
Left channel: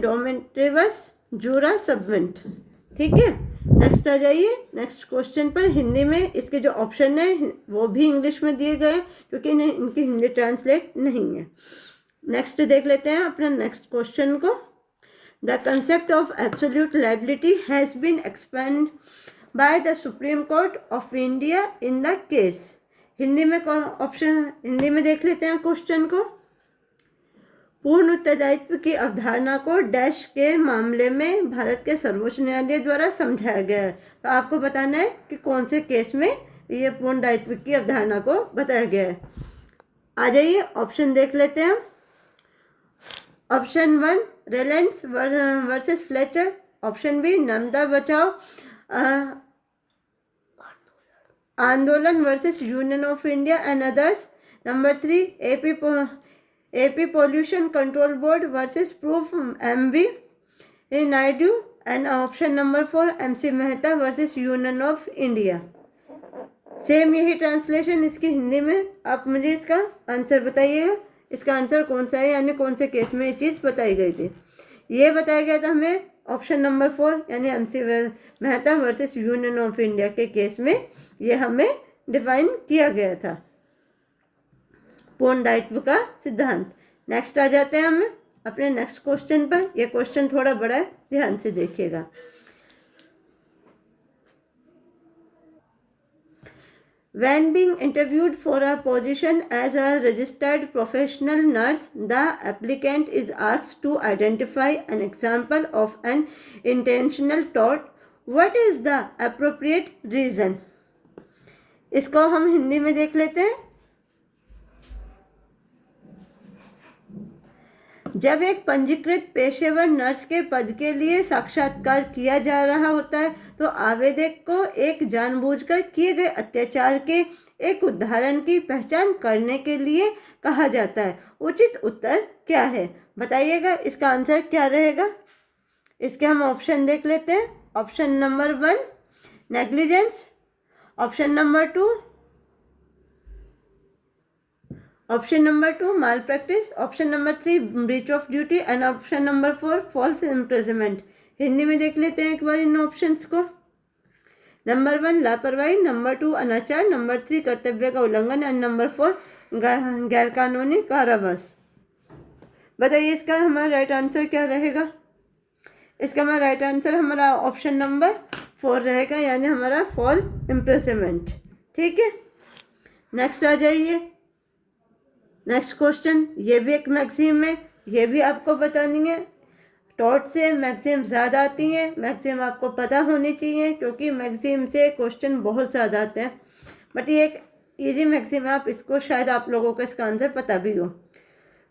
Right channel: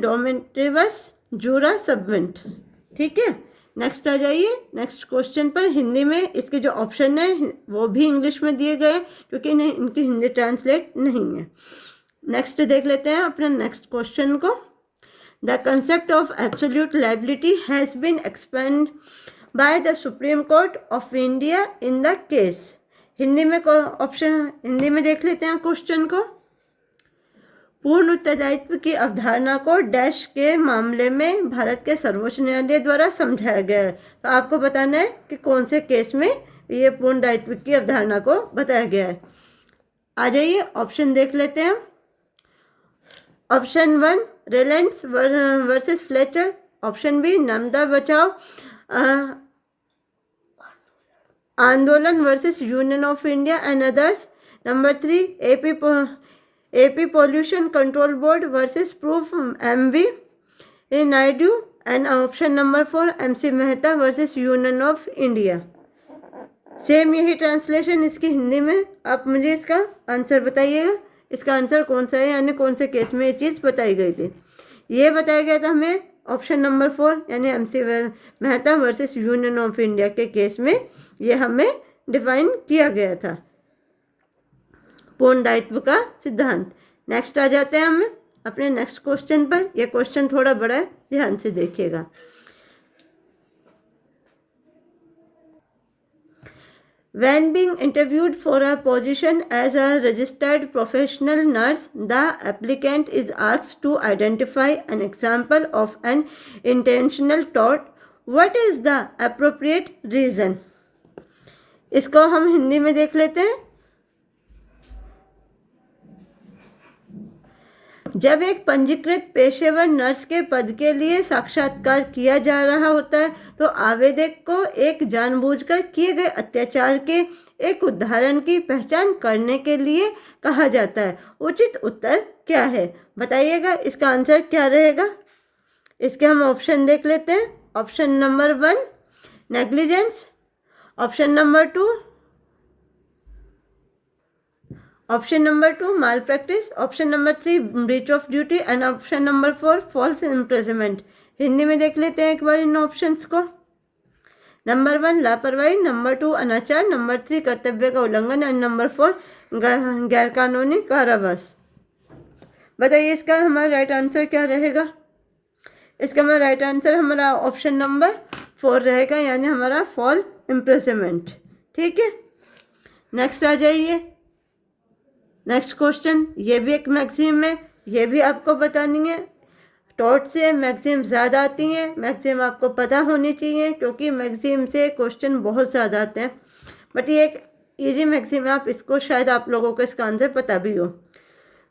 डोमेटिवस जूरा सबवेंट। ठीक है, नेक्स्ट आ जाइए नेक्स्ट क्वेश्चन पर। हिंदी में इसके जो ऑप्शन है वो भी इंग्लिश में दिए गए क्योंकि इनकी हिंदी ट्रांसलेट नहीं है। नेक्स्ट देख लेते हैं अपने नेक्स्ट क्वेश्चन को। The concept of absolute liability has been expand by the Supreme Court of India in the case. Hindi में ऑप्शन हिंदी में देख लेते हैं क्वेश्चन को। पूर्ण उत्तरदायित्व की अवधारणा को डैश के मामले में भारत के सर्वोच्च न्यायालय द्वारा समझाया गया है। तो आपको बताना है कि कौन से केस में ये पूर्ण दायित्व की अवधारणा को बताया गया है। आ जाइए ऑप्शन देख लेते हैं। Option 1 Reliance versus Fletcher. Option B Narmada Bachao Andolan versus Union of India and others. Number 3 AP Pollution Control Board versus Proof MV Naidu, and option number 4 MC Mehta versus Union of India। Same यही translation इसकी हिंदी में। आप मुझे इसका answer बताइएगा, इसका answer कौन सा है, यानी कौन से केस में ये चीज़ बताई गई थी। ये बताया गया था हमें ऑप्शन नंबर 4 यानी MC Mehta versus Union of India के केस में ये हमें डिफाइन किया गया था पूर्ण दायित्व का सिद्धांत। नेक्स्ट आ जाते हैं हम अपने नेक्स्ट क्वेश्चन पर। यह क्वेश्चन थोड़ा बड़ा है, ध्यान से देखिएगा। When being interviewed for a position as a registered professional nurse, the applicant is asked to identify an example of an intentional tort. What is the appropriate reason? इसको हम हिंदी में देख लेते हैं। जब एक पंजीकृत पेशेवर नर्स के पद के लिए साक्षात्कार किया जा रहा होता है तो आवेदक को एक जानबूझकर किए गए अत्याचार के एक उदाहरण की पहचान करने के लिए कहा जाता है। उचित उत्तर क्या है बताइएगा, इसका आंसर क्या रहेगा। इसके हम ऑप्शन देख लेते हैं। Option number 1 negligence, option number 2 option number 2 malpractice, option number 3 breach of duty and option number 4 false imprisonment. Hindi में देख लेते हैं एक बार इन ऑप्शंस को। नंबर 1 लापरवाही, नंबर 2 अनाचार, नंबर 3 कर्तव्य का उल्लंघन एंड नंबर 4 गैरकानूनी कारावास। बताइए इसका हमारा राइट आंसर क्या रहेगा। इसका हमारा राइट आंसर हमारा ऑप्शन नंबर 4 रहेगा, यानी हमारा फॉल इम्प्रिजनमेंट। ठीक है, नेक्स्ट आ जाइए नेक्स्ट क्वेश्चन। ये भी एक मैगजीन में, ये भी आपको बतानी है। टॉट से मैगजीन ज़्यादा आती हैं, मैगजीन आपको पता होनी चाहिए क्योंकि मैगजीन से क्वेश्चन बहुत ज़्यादा आते हैं। बट ये एक इजी मैगजीन है, आप इसको शायद आप लोगों को इसका आंसर पता भी हो।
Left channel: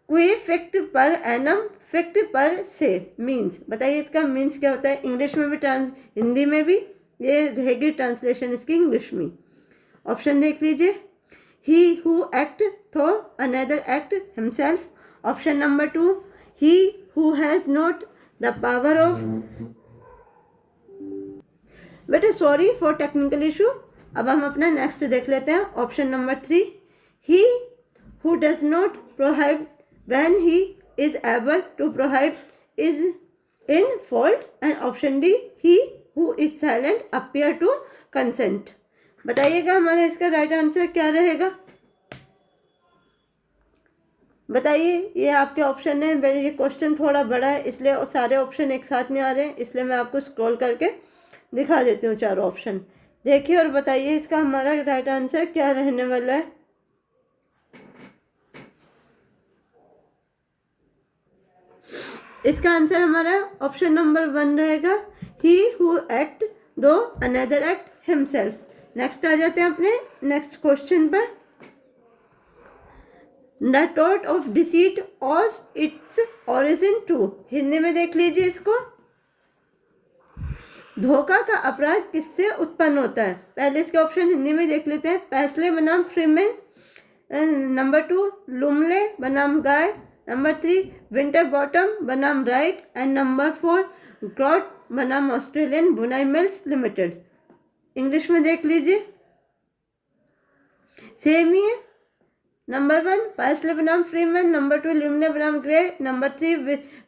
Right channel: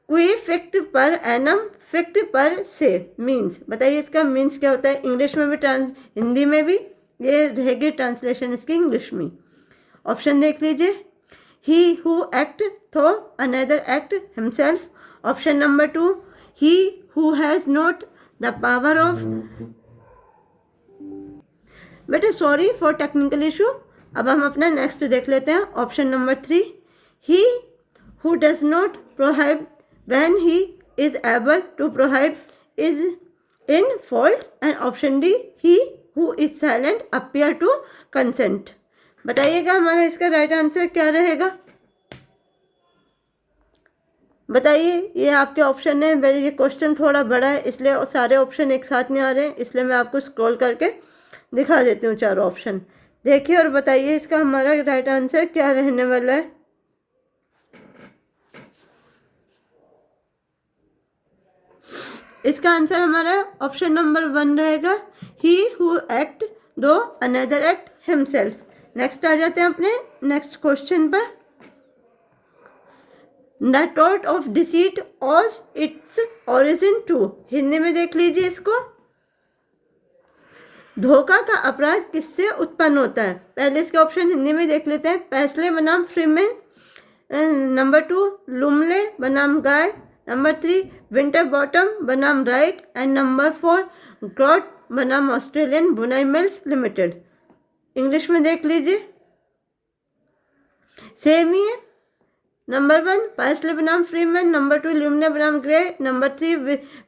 कोई फिक्ट पर एनम फिक्ट पर से मीन्स, बताइए इसका मीन्स क्या होता है। इंग्लिश में भी हिंदी में भी ये रहेगी ट्रांसलेशन इसकी इंग्लिश में। ऑप्शन देख लीजिए। He who act though another act himself. Option number 2 he who has not the power of। बेटा सॉरी फॉर टेक्निकल इशू। अब हम अपना नेक्स्ट देख लेते हैं। Option number 3 he who does not prohibit when he is able to prohibit is in fault, and option D he who is silent appear to consent। बताइएगा हमारा इसका right answer क्या रहेगा। बताइए, ये आपके ऑप्शन है। मेरे ये क्वेश्चन थोड़ा बड़ा है इसलिए सारे ऑप्शन एक साथ नहीं आ रहे हैं, इसलिए मैं आपको स्क्रॉल करके दिखा देती हूँ चारों ऑप्शन। देखिए और बताइए इसका हमारा राइट आंसर क्या रहने वाला है। इसका आंसर हमारा ऑप्शन नंबर 1 रहेगा, he who act through another act himself. Next आ जाते हैं अपने नेक्स्ट क्वेश्चन पर। द टॉट of deceit owes its origin to. Hindi में देख लीजिए इसको। धोखा का अपराध किससे उत्पन्न होता है। पहले इसके ऑप्शन हिंदी में देख लेते हैं। पैसले बनाम फ्रीमैन, नंबर 2 लुमले बनाम गाय, नंबर 3 विंटर बॉटम बनाम राइट एंड नंबर 4 ग्रॉट बनाम ऑस्ट्रेलियन बुनाई मिल्स लिमिटेड। इंग्लिश में देख लीजिए, सेम ही है। नंबर 1 पाइसले बनाम फ्रीमैन, नंबर 2 ल्यूमिना बनाम grey, number 3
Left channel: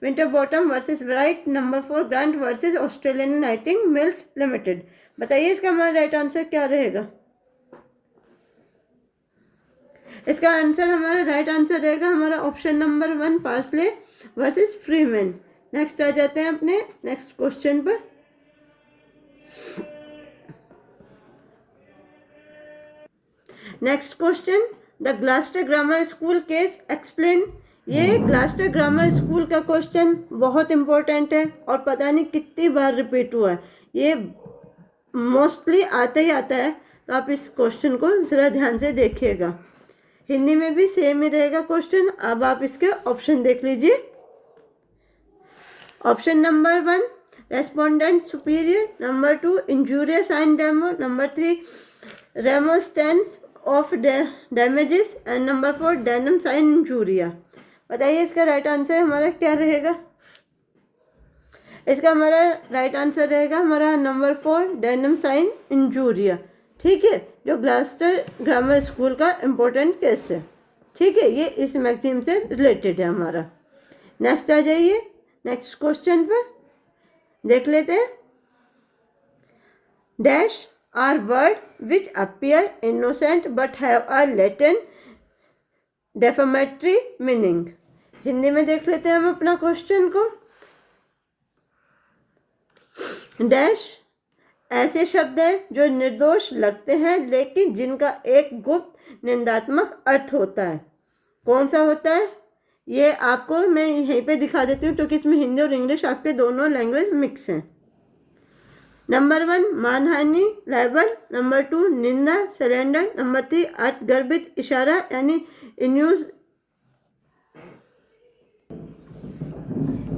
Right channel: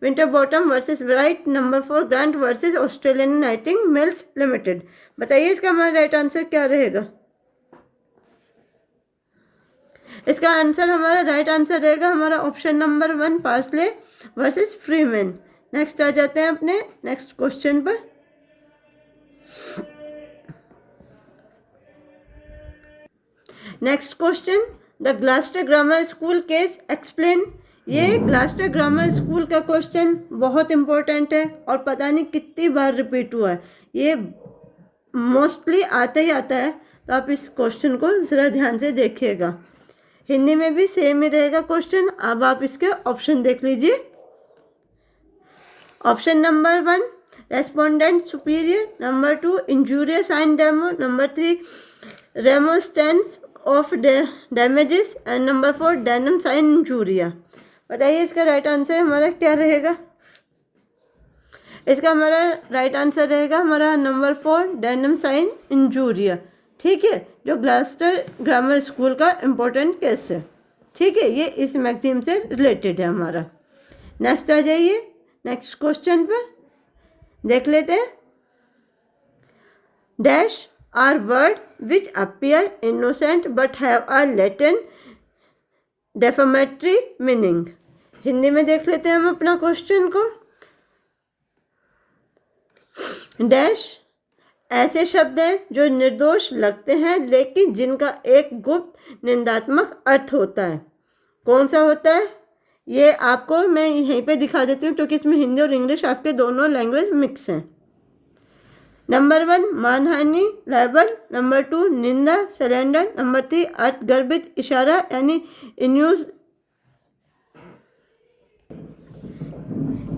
winter bottom versus right, number 4 grant versus Australian नाइटिंग mills limited. बताइए इसका हमारा राइट आंसर क्या रहेगा। इसका आंसर हमारा राइट आंसर रहेगा हमारा option number 1 Pasley versus Freeman. Next आ जाते हैं अपने नेक्स्ट क्वेश्चन पर। Next question, the Gloucester grammar school case explain. ये ग्लास्टर ग्रामर स्कूल का क्वेश्चन बहुत इंपॉर्टेंट है और पता नहीं कितनी बार रिपीट हुआ है, ये मोस्टली आता ही आता है, तो आप इस क्वेश्चन को ज़रा ध्यान से देखिएगा। हिंदी में भी सेम ही रहेगा क्वेश्चन। अब आप इसके ऑप्शन देख लीजिए। Option number 1 respondeat superior, number 2 injuria and damno, number 3 remoteness of damages and number 4 damnum sine injuria. बताइए इसका राइट आंसर हमारा क्या रहेगा। इसका हमारा राइट आंसर रहेगा हमारा नंबर 4 डेनम साइन इंजूरिया। ठीक है, जो ग्लास्टर ग्रामर स्कूल का इम्पोर्टेंट केस है। ठीक है, ये इस मैगजीन से रिलेटेड है हमारा। नेक्स्ट आ जाइए, नेक्स्ट क्वेश्चन पर देख लेते हैं। Dash are words which appear innocent but have a latent defamatory meaning. Hindi में देख लेते हैं हम अपना क्वेश्चन को। डैश ऐसे शब्द हैं जो निर्दोष लगते हैं लेकिन जिनका एक गुप्त निंदात्मक अर्थ होता है। कौन सा होता है ये आपको मैं यहीं पे दिखा देती हूँ, क्योंकि इसमें हिंदी और इंग्लिश आपके दोनों लैंग्वेज मिक्स हैं। नंबर 1 मानहानि लाइबल, नंबर 2 निंदा सरेंडर, नंबर 3 अर्थगर्भित इशारा यानी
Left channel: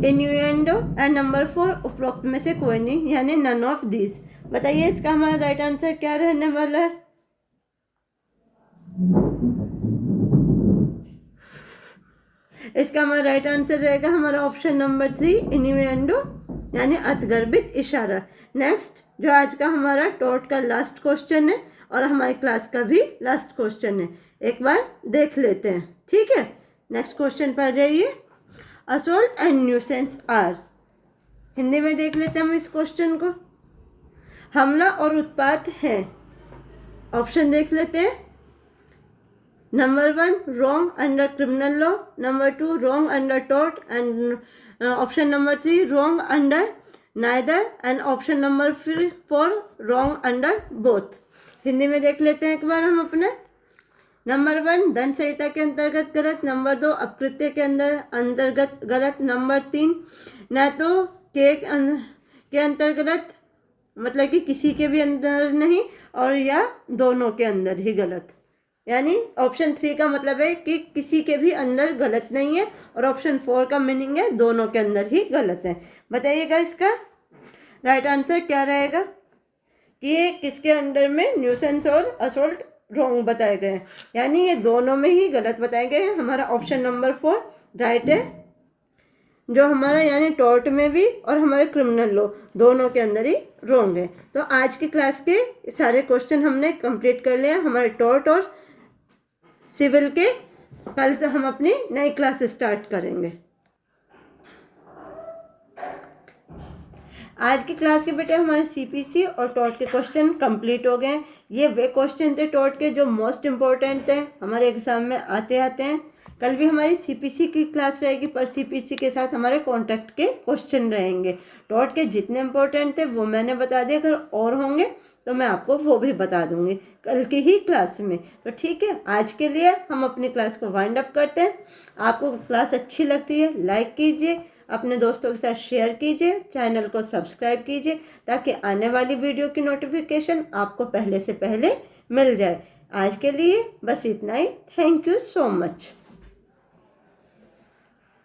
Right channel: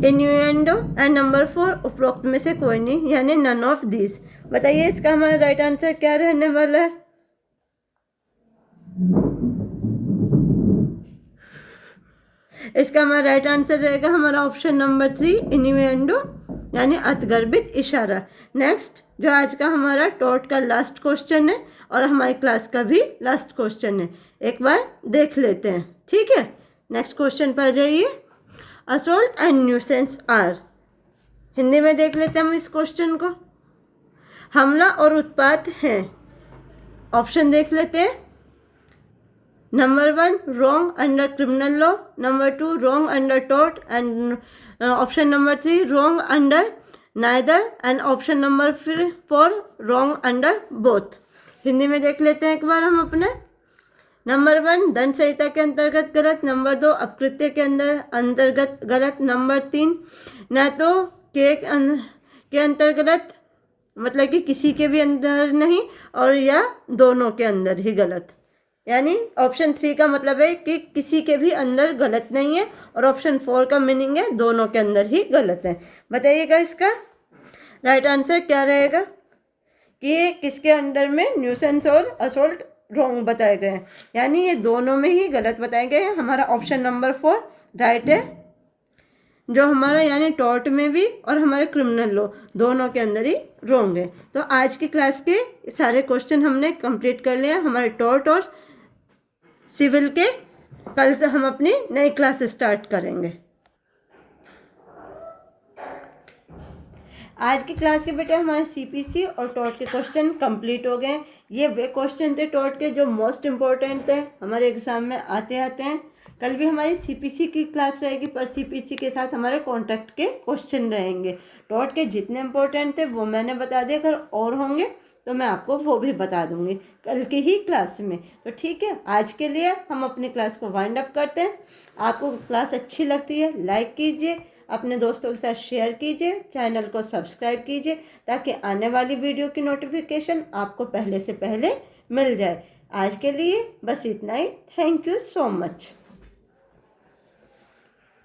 इन्यूएंडो एंड नंबर 4 उपरोक्त में से कोई नहीं यानी नन ऑफ दिस। बताइए इसका हमारा राइट आंसर क्या रहने वाला है। इसका हमारा राइट आंसर रहेगा हमारा ऑप्शन नंबर 3 इन्यूएंडो यानी अर्थगर्भित इशारा। नेक्स्ट जो आज का हमारा टॉट का लास्ट क्वेश्चन है और हमारी क्लास का भी लास्ट क्वेश्चन है, एक बार देख लेते हैं। ठीक है, नेक्स्ट क्वेश्चन पर जाइए। Assault and nuisance are, Hindi में देख लेते हैं हम इस क्वेश्चन को। हमला और उत्पात हैं। ऑप्शन देख लेते हैं। Number 1 wrong under criminal law, number 2 wrong under taught and option number 3 wrong under neither and option number 4 wrong under both. Hindi में देख लेते हैं एक बार हम अपने। नंबर 1 दंड संहिता के अंतर्गत गलत, नंबर 2 अपकृत्य के अंतर्गत गलत, नंबर 3 न तो के अंतर्गत मतलब कि किसी के भी अंदर नहीं और या दोनों के अंदर ही गलत, यानी ऑप्शन 3 का मतलब है कि किसी के भी अंदर गलत नहीं है और ऑप्शन 4 का मीनिंग है दोनों के अंदर ही गलत है। बताइएगा इसका राइट आंसर क्या रहेगा कि किसके अंडर में न्यूसेंस और असोल्ट रॉन्ग बताए गए हैं, यानी ये दोनों में ही गलत बताए गए हैं। हमारा ऑप्शन नंबर 4 राइट है, जो हमारा यानी टॉर्ट में भी और हमारे क्रिमिनल लॉ दोनों के अंदर ही रॉन्ग है। तो आज की क्लास के सारे क्वेश्चन हमने कंप्लीट कर लिया हमारे टॉर्ट और सिविल के। कल से हम अपनी नई क्लास स्टार्ट करेंगे। आज की क्लास के बेटे हमारे सीपीसी और टॉट के क्वेश्चन कंप्लीट हो गए। ये वे क्वेश्चन थे टॉट के जो मोस्ट इम्पोर्टेंट थे, हमारे एग्जाम में आते हैं। कल भी हमारी सीपीसी की क्लास रहेगी, पर सीपीसी के साथ हमारे कॉन्टैक्ट के क्वेश्चन रहेंगे। टॉट के जितने इम्पोर्टेंट थे वो मैंने बता दिया, अगर और होंगे तो मैं आपको वो भी बता दूंगी कल की ही क्लास में। तो ठीक है, आज के लिए हम अपनी क्लास को वाइंड अप करते हैं। आपको क्लास अच्छी लगती है लाइक कीजिए, अपने दोस्तों के साथ शेयर कीजिए, चैनल को सब्सक्राइब कीजिए ताकि आने वाली वीडियो की नोटिफिकेशन आपको पहले से पहले मिल जाए। आज के लिए बस इतना ही। Thank you so much.